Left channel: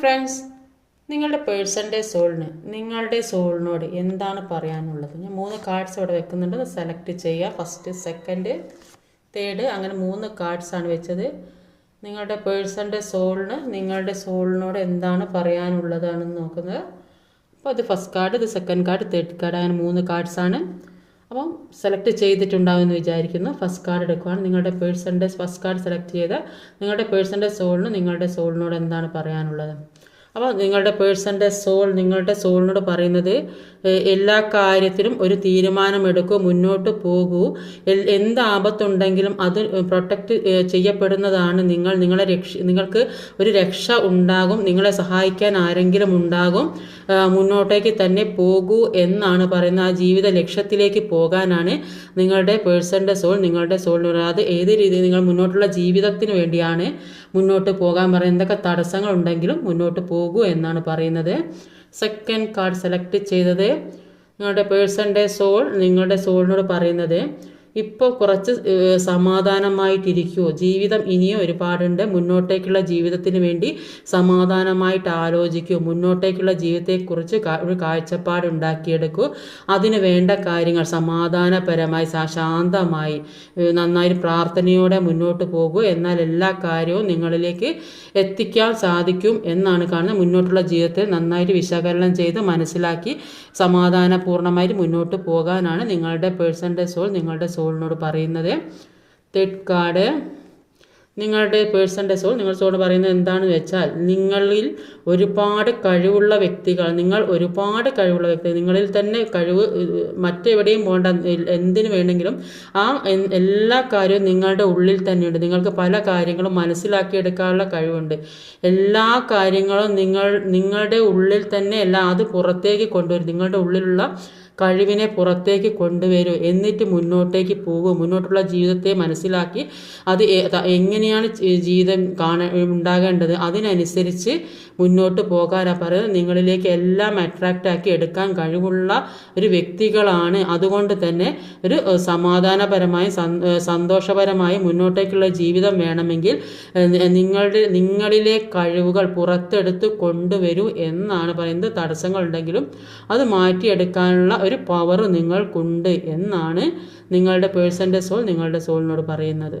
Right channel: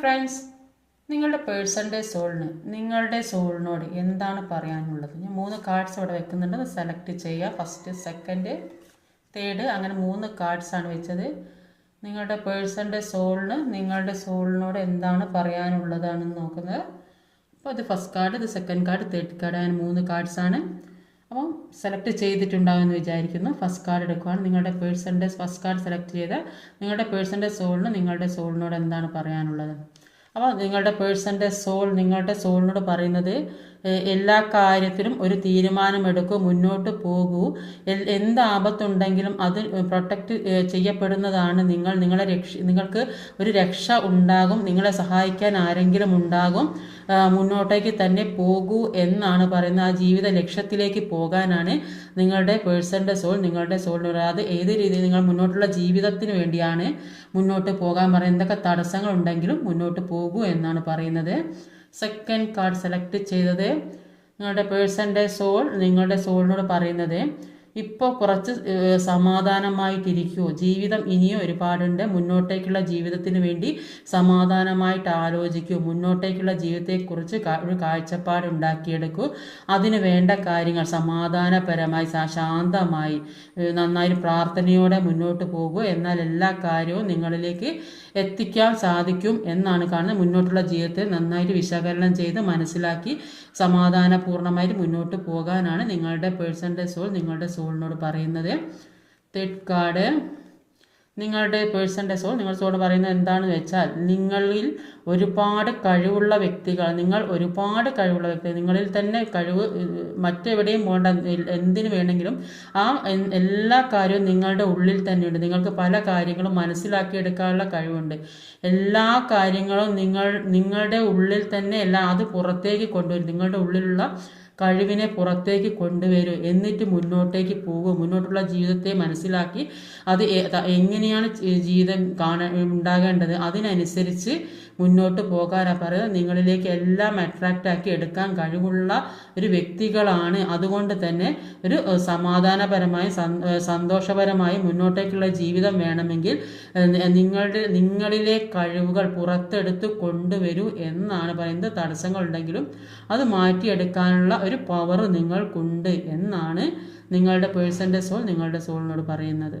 Friends, നിങ്ങളുടെ പേഴ്സൻ്റെ സോളിന് നിങ്ങളുടെ സോളിനോട് എന്താണ് പറയാനുള്ളത്? ഞാൻ 3 കാർഡ്സ് അവിടെ വെക്കുന്നുണ്ട്. അത് സെലക്ട് ചെയ്യുക. ഫസ്റ്റ്, സെക്കൻഡ്, തേർഡ്, അങ്ങനെ 3 കാർഡ്സാണ് വെച്ചത്. നിങ്ങളുടെ പേഴ്സൻ്റെ സോളിന് നിങ്ങളുടെ സോളിനോട് എന്താണ് പറയാനുള്ളതാണെന്ന് നോക്കുന്നത്. അപ്പോൾ ഇത് ഫസ്റ്റ് കാർഡ്, ഇത് സെക്കൻഡ് കാർഡ്, തേർഡ് കാർഡ്, അങ്ങനെ 3 കാർഡ്സാണ്. അപ്പം സെലക്ട് ചെയ്തിട്ടുണ്ടാവുമെന്ന് വിചാരിക്കുന്നു. ഫസ്റ്റ് കാർഡ് എടുക്കുകയാണ്. നിങ്ങളുടെ പേഴ്സൻ്റെ ഫസ്റ്റ് കാർഡ് സെലക്ട് ചെയ്ത് നിങ്ങളുടെ പേഴ്സൻ്റെ സോളിന് നിങ്ങളുടെ സോളിനോട് എന്താണ് പറയാനുള്ളത്? അപ്പോൾ നിങ്ങളുടെ പേഴ്സൻ്റെ നിങ്ങളുടെ സോളിനോട് പറയുന്നത്, എല്ലാ കാര്യത്തിലും ഒരു തീരുമാനമെടുക്കൂ, മുന്നോട്ട് പോകൂ. എന്ത് ആപത്തുണ്ടെങ്കിലും അത് പ്രൊട്ടക്റ്റ് ചെയ്യപ്പെടുന്നതാണ്. നിങ്ങൾക്ക് ഒരു രക്ഷ ഉണ്ടാകും, നിങ്ങളെ സഹായിക്കാൻ ആരെങ്കിലും ഉണ്ടാകും. മുന്നോട്ടേക്ക് തന്നെ പോകൂ എന്നാണ് പറയുന്നത്. ആ ജീവിത ലക്ഷ്യത്തിലേക്ക് പോകാനാണ് നിങ്ങളുടെ പേഴ്സൻ്റെ നിങ്ങളുടെ സോളിന്. അത് ഏത് രീതിയിൽ നിങ്ങൾ മുന്നോട്ടുള്ള ജീവിതത്തിന് വേണ്ടിയാണ് മുന്നോട്ട് പോകാൻ പറയുന്നത്. എന്തൊക്കെ തടസ്സങ്ങളുണ്ടെങ്കിലും മുന്നോട്ട് പോകൂ എന്നാണ് പറയുന്നത്. സെക്കൻഡ് കാർഡ് സെലക്ട് ചെയ്തത് നിങ്ങളുടെ പേഴ്സൻ്റെ നിങ്ങളുടെ സോളിനോട് പറയുന്നത്, ഇപ്പോൾ കുറച്ച് സമാധാനമായിട്ടിരിക്കുമോ. ജീവിതം ഇനിയും ഒരുപാടുണ്ട്. മുന്നോട്ടേക്കുള്ള ജീവിതത്തിന് വേണ്ടി സമാധാനമായിട്ട് ആലോചിക്കൂ. മുന്നോട്ടേക്കുള്ള ജീവിതത്തെക്കുറിച്ച് ഒരു കാഴ്ചപ്പാട് ഉണ്ടാക്കിയെടുക്കൂ. അതിന് വേണ്ട കാര്യങ്ങൾ സമാധാനപരമായി ശാന്തമായി നന്നായി പ്രാർത്ഥനയോടെ മുന്നോട്ട് പോകൂ. എന്നാൽ എല്ലാ കാര്യവും നിങ്ങളിലേക്ക് എത്തിക്കാൻ സാധിക്കും എന്നാണ് കാണുന്നത്. മുന്നോട്ടുള്ള ജീവിതത്തെ നന്നായിട്ട് വിശകലനം ചെയ്ത് മനസ്സിലാക്കി സമാധാനപൂർണ്ണമായിട്ട് മുന്നോട്ട് പോകാനാണ് നിങ്ങളുടെ പേഴ്സൻ്റെ നിങ്ങളുടെ സോളിനോട് പറയുന്നത്. തേർഡ് കാർഡ്, നിങ്ങളുടെ പേഴ്സൻ്റെ നിങ്ങളുടെ സോൾ പറയുന്നത് എന്താണെന്ന് വെച്ചാൽ, നിങ്ങളിൽ ഒരുപാട് കഴിവുള്ള വ്യക്തികൾ, നിങ്ങളിൽ തന്നെ കഴിവ് മറ്റെവിടെയും പോകേണ്ട, എന്തിനു വേണമെങ്കിലും ആ എല്ലാ കാര്യവും നിങ്ങളുടെ ഉള്ളിൽ തന്നെയുണ്ട്. നിങ്ങൾക്ക് പല കാര്യങ്ങളും മനസ്സിലാക്കിയെടുക്കാനുള്ള കഴിവുണ്ട്. എല്ലാ കാര്യങ്ങളും നിങ്ങളുടെ ഉള്ളിൽ തന്നെ അത് പുറത്തേക്ക് കൊണ്ടുവരും. നിങ്ങളുടെ ഉള്ളിലുള്ള കഴിവിനെ പുറത്തേക്ക് കൊണ്ടുവരൂ. എന്നിട്ട് മുന്നോട്ടേക്ക് പോകൂ. മുന്നോട്ടുള്ള ജീവിതത്തെ മനസ്സിലാക്കി അത് എങ്ങനെയാണ് ജീവിതം ഉണ്ടാകേണ്ടത് അതിനനുസരിച്ച് മുന്നോട്ട് പോകാനാണ് പറയുന്നത്. നിങ്ങളിലേക്ക് എല്ലാം അട്രാക്റ്റാക്കി എടുക്കാൻ കഴിവുള്ള ഒരു വ്യക്തികളാണ്. അതുകൊണ്ട് തന്നെ ഒരു സമാധാനപരമായും സന്തോഷപരമായും മുന്നോട്ടേക്കുള്ള ജീവിതം വേണമെങ്കിൽ നിങ്ങളിലെ കഴിവുകൾ പുറത്തെടുത്ത് കൊണ്ടുവരൂ എന്നാണ് പറയുന്നത്. തടസ്സങ്ങളുണ്ടെങ്കിലും അത് മാറ്റിയെടുക്കാനുള്ള ഒരു പവർ നിങ്ങൾക്കുണ്ട് എന്നാണ് നിങ്ങളുടെ പേഴ്സൻ്റെ നിങ്ങളുടെ സോളിനോട് പറയുന്നത്.